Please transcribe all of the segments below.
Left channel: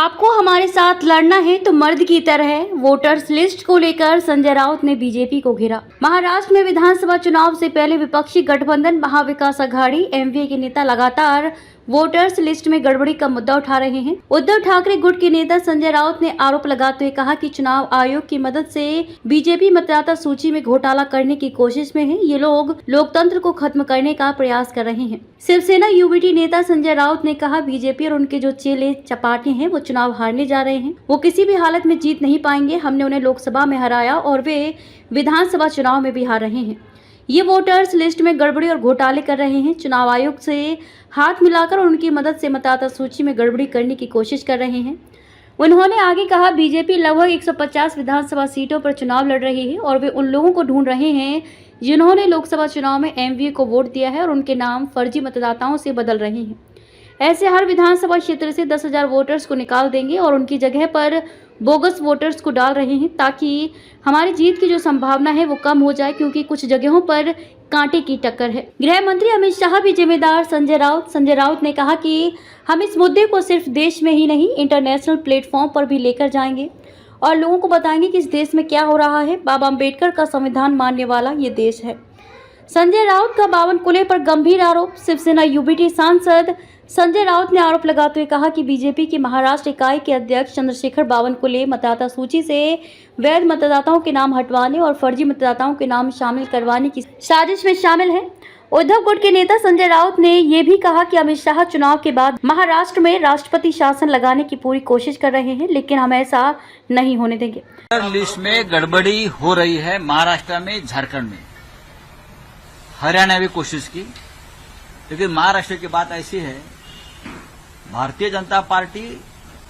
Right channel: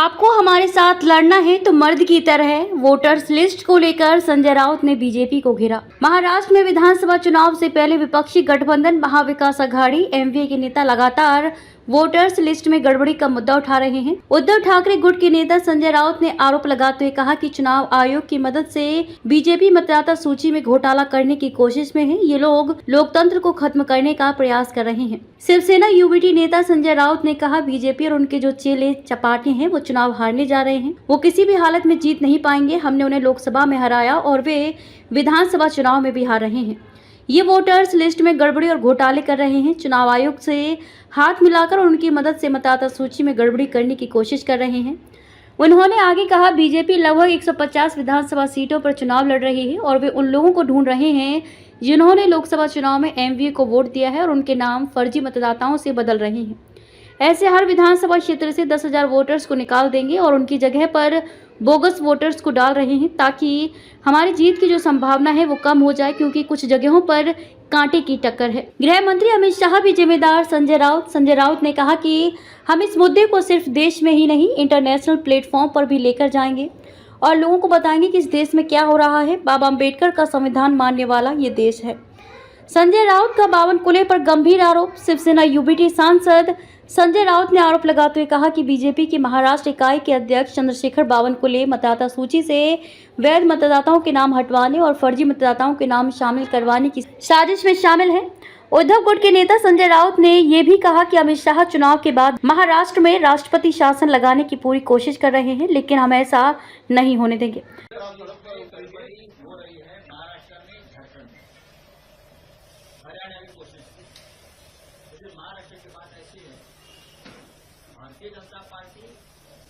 आपको हमारे साथ लड़ना है तो मर्द की तरह। वोटर्स लिस्ट को लेकर संजय राउत ने बीजेपी को घेरा। महाराष्ट्र में विधानसभा चुनाव से पहले विपक्षी गठबंधन महाविकास आघाड़ी एमवीए के नेता लगातार वोटर्स लिस्ट में गड़बड़ी का मुद्दा उठा रहे हैं। उद्धव ठाकरे गुट के नेता संजय राउत ने आरोप लगाते हुए कहा कि चुनाव आयोग की मदद से बीजेपी मतदाता सूची में घोटाला करने की कोशिश में है। ये लोग लोकतंत्र को खत्म करने का प्रयास कर रहे हैं। शिवसेना यूबीटी नेता संजय राउत ने कहा, बीजेपी और उनके जो चेले चपाटे हैं वो चुनाव हारने जा रहे हैं। वो किसी भी हालत में जीत नहीं पाएंगे। हमने उन्हें लोकसभा में हराया और वे विधानसभा चुनाव में भी हार रहे हैं। ये वोटर्स लिस्ट में गड़बड़ी और घोटाले कर रहे हैं। चुनाव आयोग से हाथ मिलाकर और उनकी मदद से मतदाता सूची में गड़बड़ी करने की कोशिश कर रहे हैं। उन्होंने आगे कहा, बीजेपी लगभग 150 विधानसभा सीटों पर चुनाव लड़ रही है और वे उन लोगों को ढूंढ रहे हैं जिन्होंने लोकसभा चुनाव में एमवीए को वोट दिया है और उनके नाम फर्जी मतदाताओं से बदल रहे हैं। ऐसे हर विधानसभा क्षेत्र से 10,000 वोटर्स को निकाल देंगे और उनकी जगह पर बोगस वोटर्स को डाल रहे हैं ताकि हमारी जीत की जो संभावना है वो कम हो जाए, क्योंकि कुछ जगहों पर कांटे की टक्कर है। गृह मंत्री अमित शाह भी जिम्मेदार। संजय राउत ने कहा कि हम इस मुद्दे को सिर्फ देश में ही नहीं इंटरनेशनल प्लेटफॉर्म पर भी लेकर जाएंगे और लोगों को बताएंगे कि इस देश में क्या हो रहा है। बाबा अम्बेडकर का संविधान मानने वाला ये देश है। संजय राउत का बावनकुले पर गंभीर आरोप। शिवसेना यूबीटी सांसद संजय राउत ने आरोप लगाते हुए कहा कि बीजेपी की महाराष्ट्र इकाई के अध्यक्ष चंद्रशेखर बावनकुले मतदाता सूची से वैध मतदाताओं के नाम हटवाने और फर्जी मतदाताओं के नाम शामिल करवाने की साजिश में शामिल हैं। उद्धव गुट के नेता संजय राउत ने ये भी कहा कि अमित शाह चुनाव के बाद महाराष्ट्र में राष्ट्रपति शासन लगाने की पूरी कोशिश कर रहे हैं, लेकिन हम ऐसा नहीं होने देंगे। लिस्ट में गड़बड़ी हो रही है। महाराष्ट्र में, झारखंड में, हरियाणा में कोशिश की, लेकिन महाराष्ट्र की बात ऐसी है, भारतीय जनता पार्टी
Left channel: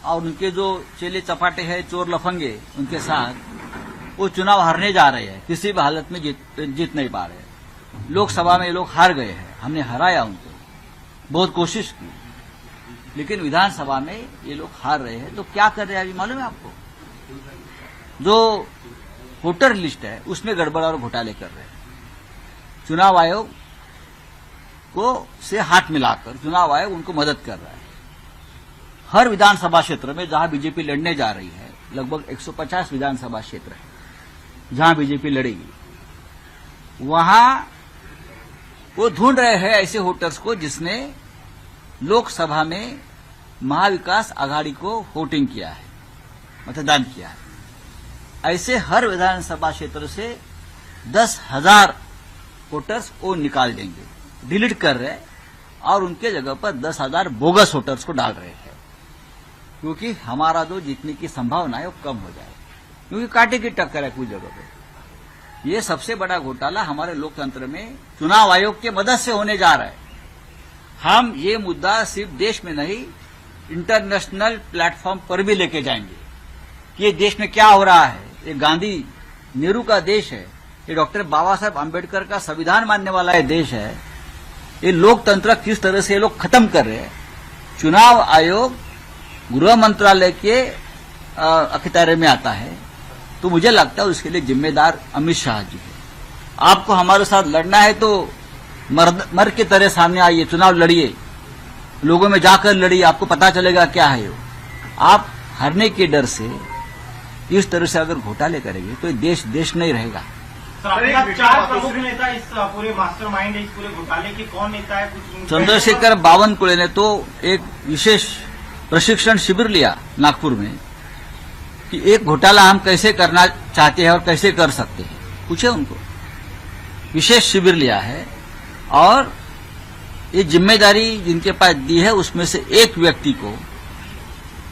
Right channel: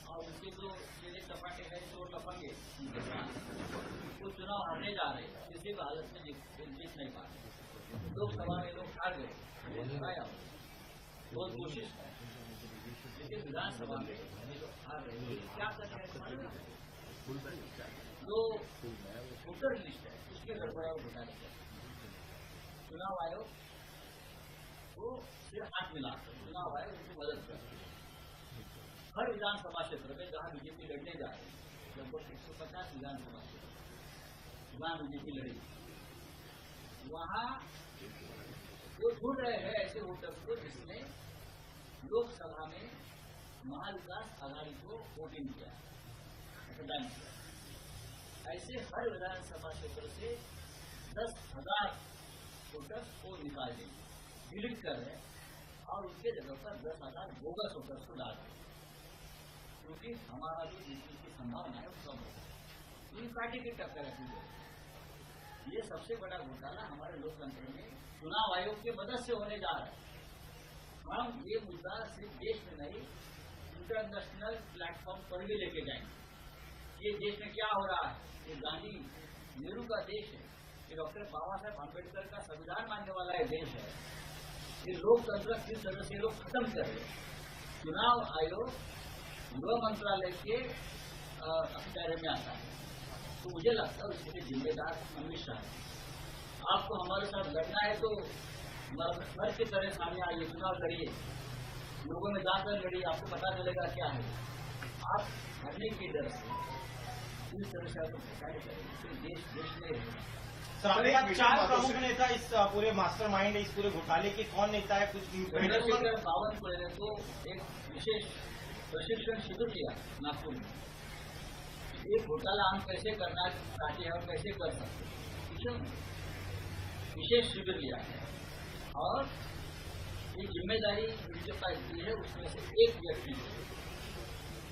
और उनके जो चेले चपाटे हैं, चोर लफंगे, उनके साथ वो चुनाव हारने जा रहे हैं। किसी भी हालत में जीत नहीं पा रहे। लोकसभा में ये लोग हार गए हैं। हमने हराया उनको, बहुत कोशिश की, लेकिन विधानसभा में ये लोग हार रहे हैं। तो क्या कर रहे हैं अभी मालूम है आपको? जो वोटर लिस्ट है उसमें गड़बड़ और घोटाले कर रहे हैं। चुनाव आयोग को से हाथ मिलाकर चुनाव आयोग उनको मदद कर रहा है। हर विधानसभा क्षेत्र में जहां बीजेपी लड़ने जा रही है, लगभग 150 विधानसभा क्षेत्र है जहां बीजेपी लड़ेगी, वहां वो ढूंढ रहे हैं ऐसे वोटर्स को जिसने लोकसभा में महाविकास आघाड़ी को वोटिंग किया है, मतदान किया है। ऐसे हर विधानसभा क्षेत्र से 10,000 वोटर्स को निकाल देंगे, डिलीट कर रहे हैं और उनके जगह पर 10,000 बोगस वोटर्स को डाल रहे हैं, क्योंकि हमारा जो जीतने की संभावना है वो कम हो जाए, क्योंकि कांटे की टक्कर है कुछ जगह पे। ये सबसे बड़ा घोटाला हमारे लोकतंत्र में चुनाव आयोग की मदद से होने जा रहा है। हम ये मुद्दा सिर्फ देश में नहीं, इंटरनेशनल प्लेटफॉर्म पर भी लेके जाएंगे कि ये देश में क्या हो रहा है। ये गांधी नेहरू का देश है, ये डॉक्टर बाबा साहब अम्बेडकर का संविधान मानने वाला ये देश है। ये लोकतंत्र किस तरह से ये लोग खत्म कर रहे हैं। चुनाव आयोग गृह मंत्रालय के अखत्यार में आता है, तो मुझे लगता है उसके लिए जिम्मेदार अमित शाह जी है। आपको हमारे साथ लड़ना है तो मर्द की तरह सामने आइए, चुनाव लड़िए, लोगों में जाकर लड़िए, आपको पता चलेगा क्या है वो। आप हारने के डर से इस तरह से अगर घोटाले करेंगे तो ये देश नहीं रहेगा। चार प्रमुख नेता इस पूरे मास्टरमाइंड है, इस पूरे घोटाले के कौन नेता है? कुछ चंद्रशेखर बावनकुले ने तो एक विशेष प्रशिक्षण शिविर लिया नागपुर में कि एक घोटाला हम कैसे करना चाहते हैं और कैसे कर सकते हैं, पूछे उनको। विशेष शिविर लिया है और ये जिम्मेदारी जिनके पास दी है उसमें से एक व्यक्ति को